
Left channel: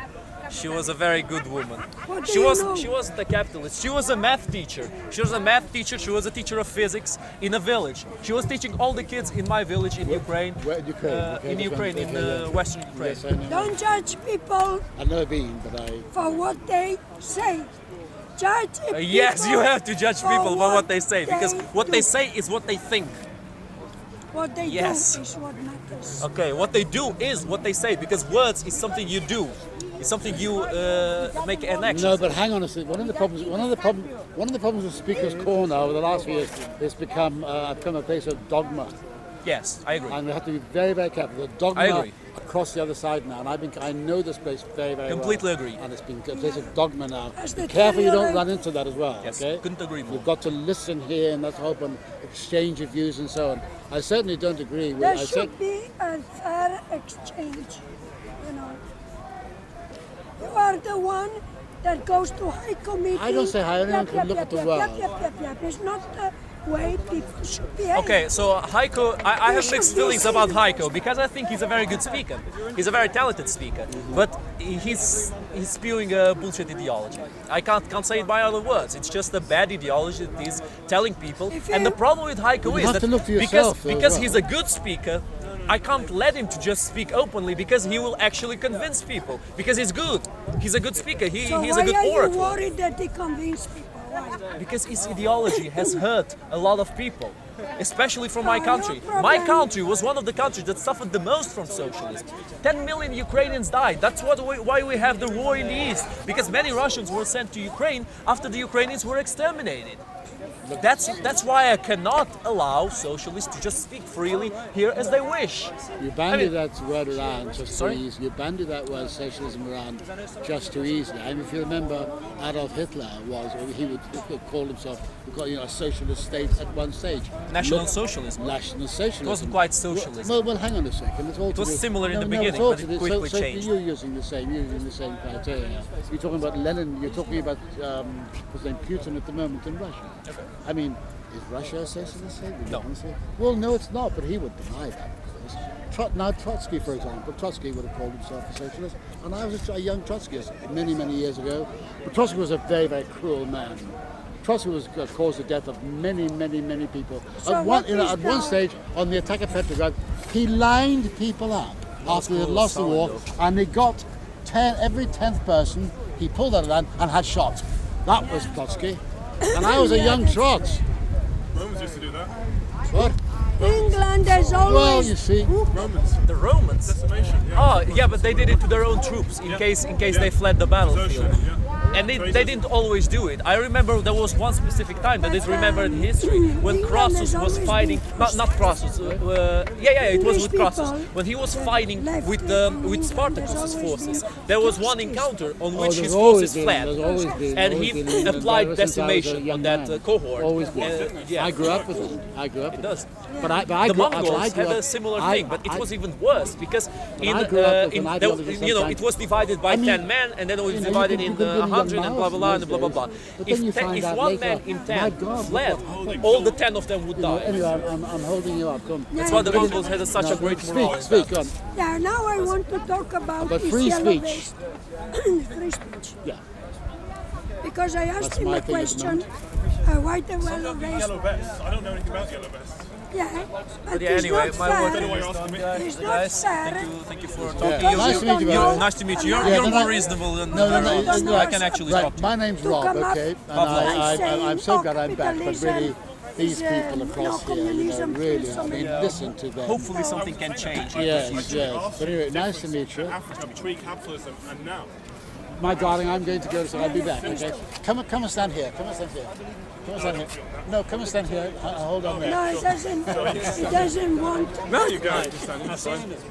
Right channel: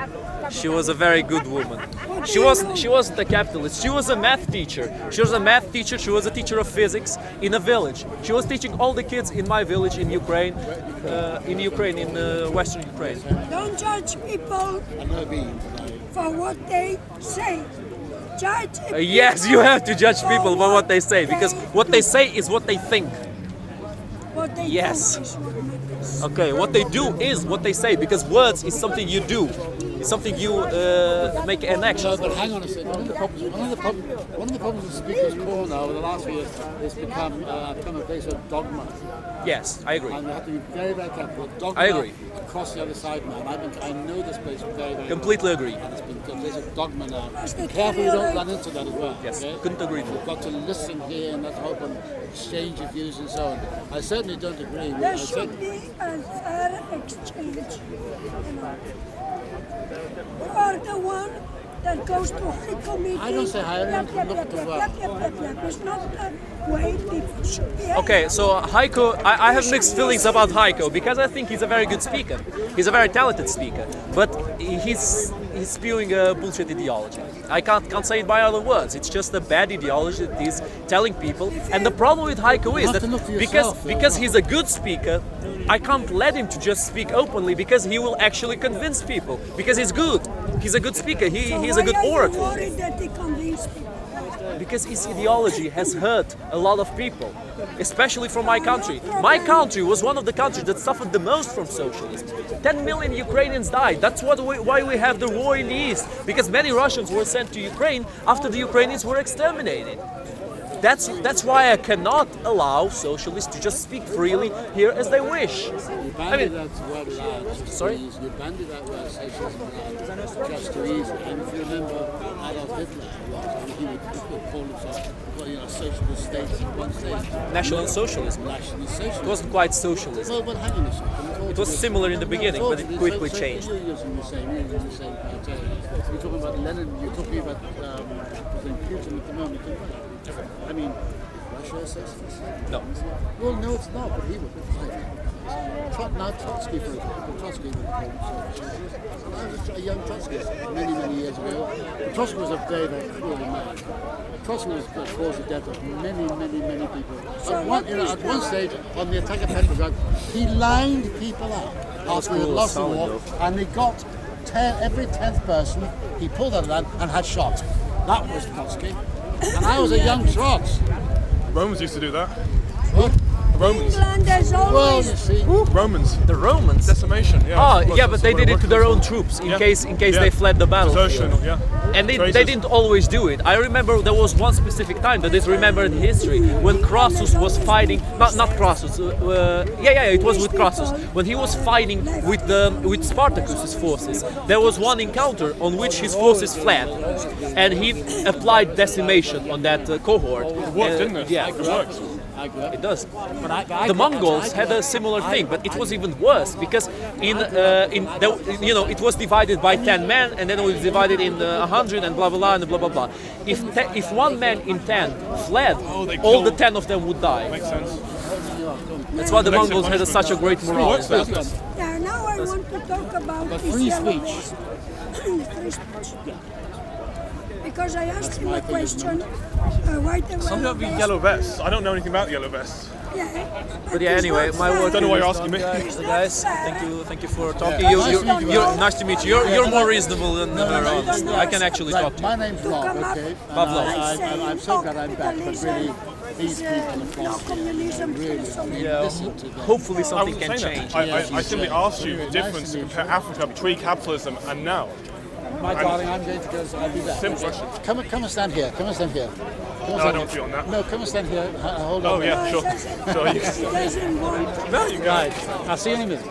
She was a very good woman. What do She you wasn't. know? She wasn't a capitalist. She was a math teacher. She was a math teacher. She was a teacher of physics in a village. She was teaching all the kids in my village in Ukraine. In Western Ukraine. Don't judge people I've never been, but I. for what they say. Judge Yes, people you have to judge for people by what they say because what they do. say is what they think. What they Yes. do is what matters. Okay, what they do is what they say because words is something you do. It's something you make an action. No, but hang on a second. One of the problems with Speaker's Corner over the last few years has become a place of dogma, Yes, I agree. and we have to be very, very careful. The dogma I agree. across the other side now, and I know this place very, very Completely well. agree. And it's been a place of dogma now. That's Be the careful you don't theory. run into that as well. Yes, okay? couldn't agree more. You've got to listen here and that's hope and exchange of views and so on. I certainly don't agree with. There I should be a fair exchange. You know, you are the one that goes to high committee. I don't say high, anyone can look at the world. It's not the way people should behave. Okay, so Heiko, I have mixed feelings about Heiko because I think he's a very good speaker. He's a very talented speaker, but he's spewing a bullshit ideology. I can't say it by other words. It's just a bad ideology that he's telling people. And the problem with Heiko You is have that to look for yourself, though, because as well. he's a good speaker, I can't let him to just speak openly because he will actually convince people because he's good. He's a good speaker. So He's a good why are you orator. worried that he convince people? Why? Because his ideology has hurt a lot of people, especially from my Oh, country. no My problem. country was one of the countries that suffered the most from socialism. 10 million Ukrainians died. That's why we have the war in the East, because many Russians were sent to Ukraine after the Ukrainians were exterminated. That's why I cannot allow socialists to just speak freely here as they wish. You bandy I mean- that word around just Sorry? too easy. You bandy that word socialism around just too easily. I mean, if you remember, Adolf Hitler he would call himself, a socialist state at one stage. National socialism. National socialism. It wasn't quite socialism. Well, hang on a second. It's all It was to do- similar in the beginning, it's all but to it do- quickly so changed. You're using the same criteria. You're talking about Lenin. You're talking about what's his name, Putin at the moment in Russia. Okay. I mean, is Russia a socialist state? No. Well, no, it's not. But he would deny that. socialists. Now Trotsky, for example, Trotsky would have called himself a socialist, and I was a young Trotskyist many, many years ago. But Trotsky was a very, very cruel man. Trotsky was caused the death of many, many, many people. So At one stage, on the attack of Petrograd, he lined people up after they had lost the war, and they got every 10th person he pulled out of land and had shot. That was Trotsky. And I was a young Trots. Romans used to do that. What? Romans. England has always... Well, you see. Romans. The Romans? Decimation, yeah. Oh, yeah, but they did it to their own troops in case they fled the battlefield. Desertion, yeah. And they didn't always do it. I remember there was one specific time that is remembered in history when Crassus was fighting. Not Crassus. It was with Crassus when he was fighting with Spartacus's forces. There was one encounter on which his forces fled, and he applied decimation on that cohort. It worked, didn't it? Yeah, I grew up with it. it does. But The Mongols had a similar thing, but it was even worse because it was divided by 10 men, and then it was divided in 100 and blah blah blah and blah blah blah. If one man in 10 fled, all the 10 of them would die. I'm holding you up. Come. That's why the Mongols had such a great morale. Yeah, now I want to talk about this free yellow speech. vest. Free speech. Yeah. Because I asked him my a thing at the question, why the Some yellow of you vest? yellow vests. I don't know anything about yellow vests. Yeah, But yeah, it's anyway, not my fair. work Don't know why is you're done, asking me. It's not guys. fair. Thank you for talking. Nice to meet you, guys. Nice to meet you. You're more reasonable than I can actually talk Right, to. my name's Rob, come up okay? And Pavlov. I'm so glad I'm back, but Capitalism really, these is, people across here, communism really, kills so I mean, many listen to them. Hopefully I something wasn't can saying change. that. I Yes, simply yes. asked you Anyway, the nice difference to meet between you. Africa between capitalism and now. My darling, I'm going to go, so I'll be back. Simple. Okay? Come and stand here, come and stand here. Come and No, I stand don't here. feel that. No, come and stand here. Hold on. Oh, yeah. No, Sure. he doesn't want. No, you guys. I'll see you in a minute.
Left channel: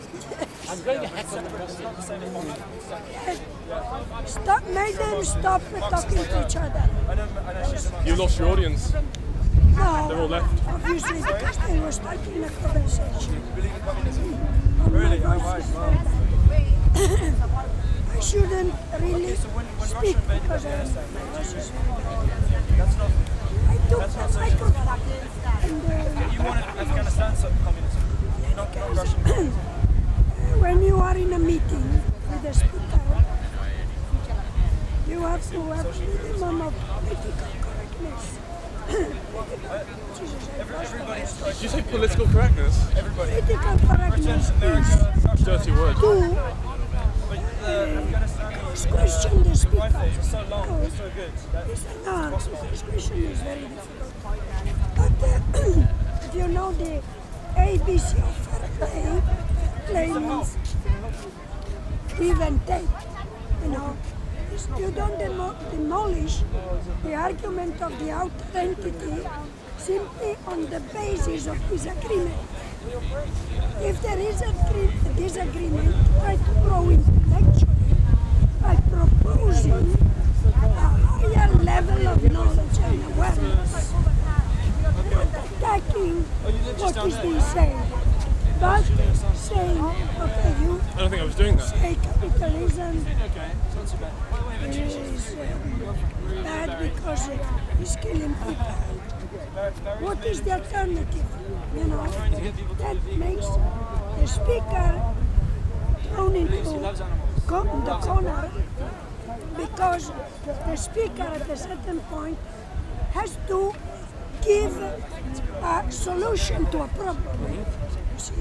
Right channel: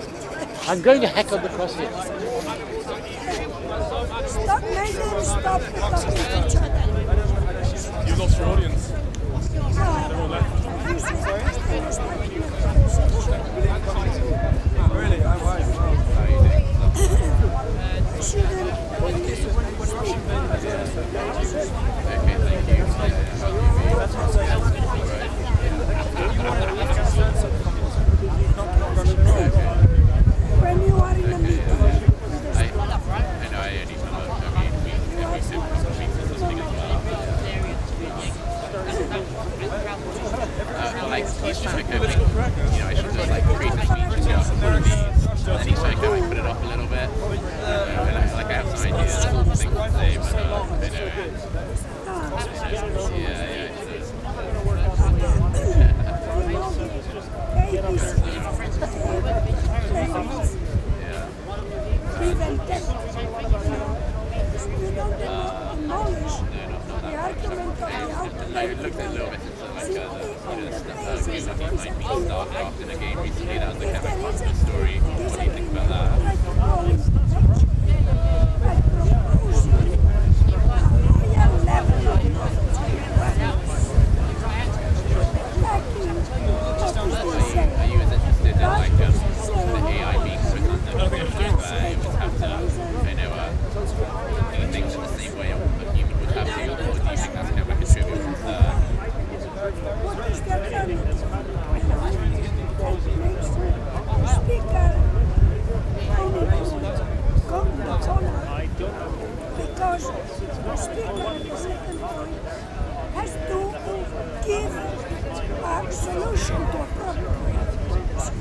I'm going to heckle the press here. Stop, make them stop talking to each other. You lost your audience. No, They're all left. obviously because they were starting a conversation. Really? Oh, wow. I shouldn't really speak because I was You wanted Afghanistan to communism, not Russia. when you are in a meeting with a speaker, you have to have minimum of Did you say political correctness? political correctness is Dirty word. to question the speaker. You know the ABC play means give and take. You know, you don't demolish the argument of the outer entity simply on the basis of disagreement. If there is a disagreement, try to grow intellectually by proposing a higher level of knowledge and awareness. Attacking what is being said, but saying what are you I don't think I was doing that. say capitalism is bad because it's killing people. What is the alternative? You know, that makes the speaker go into the corner because the speaker at a certain point has to give a solution to a problem. See,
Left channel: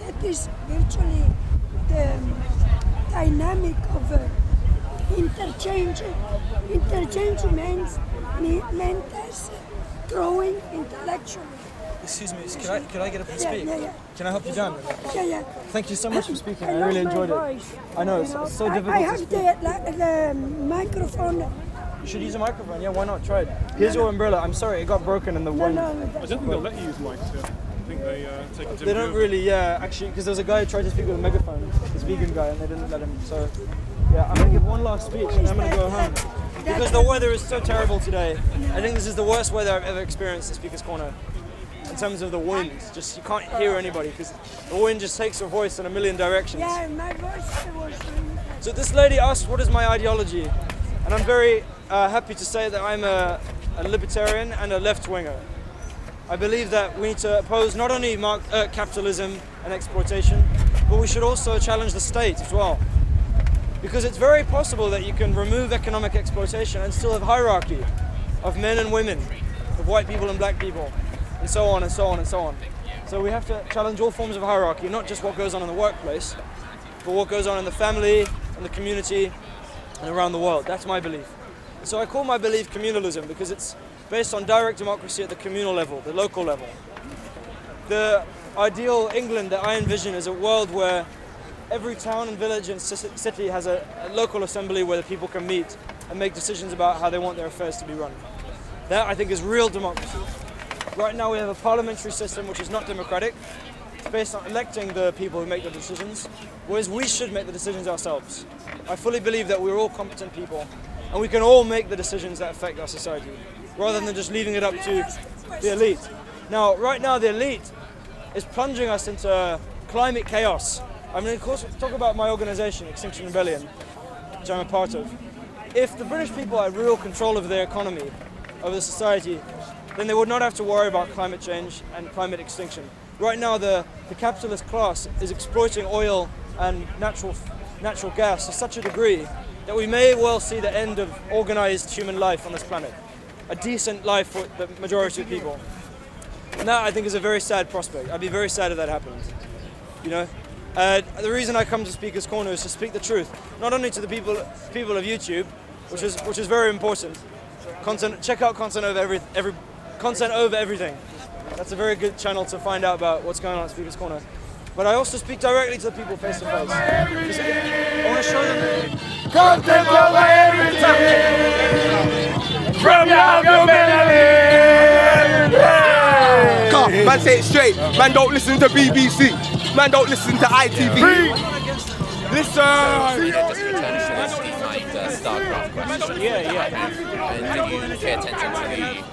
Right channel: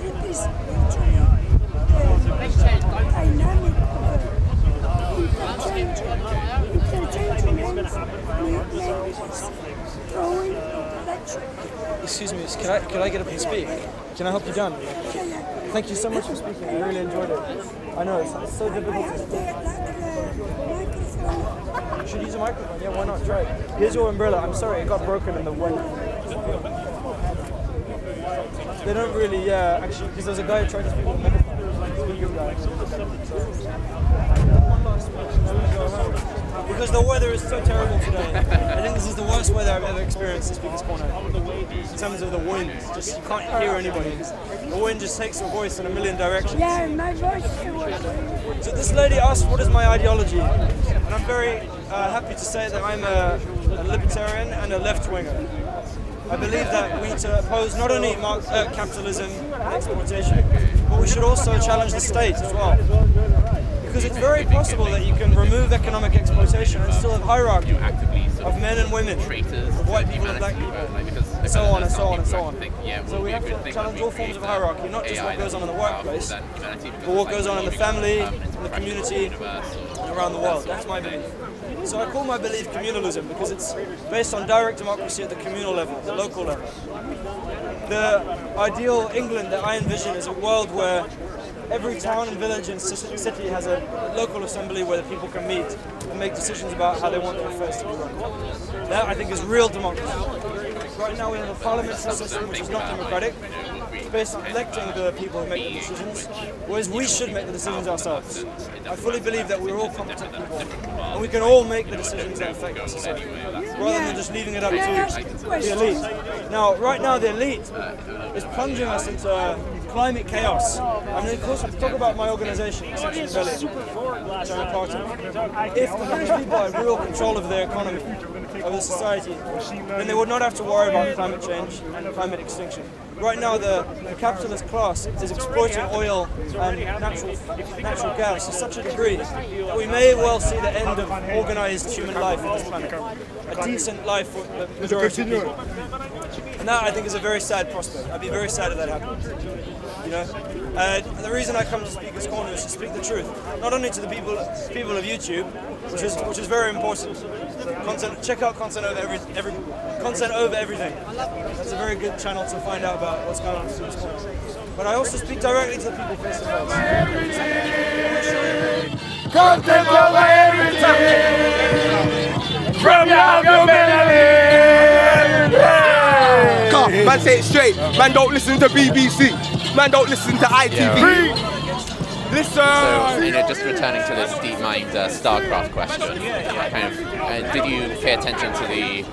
that is actually the dynamic of interchange. Interchange meant as throwing intellectually. Excuse me, could I get up and speak? Yeah. Can I help you down? Yeah. Thank you so much for speaking. I lost really my enjoyed it. voice. I know, it's so I difficult to have speak. the microphone. You should use a microphone. Yeah, why not? Try it. Here's your umbrella. I'm sorry, it got broken in the wind. I don't think they'll let you use mics here. I think they take it to They don't really, actually, because there's a guy who tried to speak with a megaphone, this vegan guy, and they didn't let him. So, yeah, I'm going to give one last speech, and I'm going to go home. Because the weather is so terrible today. I think this is the worst weather I've ever experienced in Speaker's Corner. In terms of the wind, just you can't hear anybody, because the wind just takes your voice in a million directions. Yeah, my voice was So this lady asked, what is my ideology? And I'm very happy to say that I'm a libertarian and a left-winger. I believe that we need to oppose not only capitalism and exploitation, but we should also challenge the state as well. Because it's very possible that you can remove economic exploitation and still have hierarchy of men and women, of white people and black people, and so on and so on and so on. So we have to challenge all forms of hierarchy, not just what goes on in the workplace, but what goes on in the family, in the community, and around the world. That's my belief. So I call my belief communalism because it's based on direct democracy at the communal level, the local level. The ideal England that I envision is a world where every town and village and city has a local assembly where the people can meet and make decisions about how they want their affairs to be run. That, I think, is real democracy. Right now we have a parliamentary system which is not democratic. It's based on electing the people who make the decisions, whereas we should make the decisions ourselves. I fully believe that we're all competent people and we can all make the decisions that affect our society, rather than just leaving it up to the elite. Now, right now the elite is plunging us into climate chaos. I mean, of course, talk about my organisation, Extinction Rebellion, which I'm a part of. If the British people had real control of their economy, of the society, then they would not have to worry about climate change and climate extinction. Right now, the capitalist class is exploiting oil and natural gas to such a degree that we may well see the end of organised human life on this planet. A decent life for the majority of people. And that, I think, is a very sad prospect. I'd be very sad if that happened. You know? The reason I come to Speaker's Corner is to speak the truth, not only to the people of YouTube, which is very important. Check out content over everything. That's a very good channel to find out about what's going on at Speaker's Corner. But I also speak directly to the people face to face. Content over everything. From your community. Man, say it straight. Man, don't listen to BBC. Man, don't listen to ITV. Listen! So, just returning to this DeepMind StarCraft question. Did you pay attention to the,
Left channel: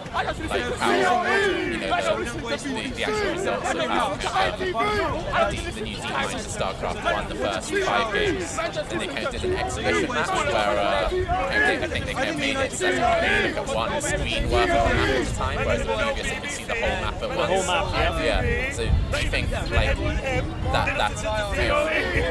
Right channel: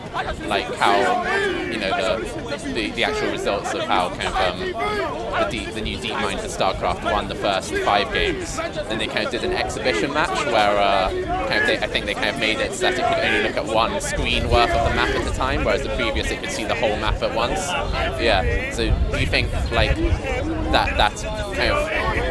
how, the actual results of how the new DeepMind for StarCraft won the first 5 games? Then they kind of did an exhibition match where I think they kind of made it so that it could only look at one screen worth of the map at a time, whereas the previous it could see the whole map at once. Yeah. So do you think that's kind of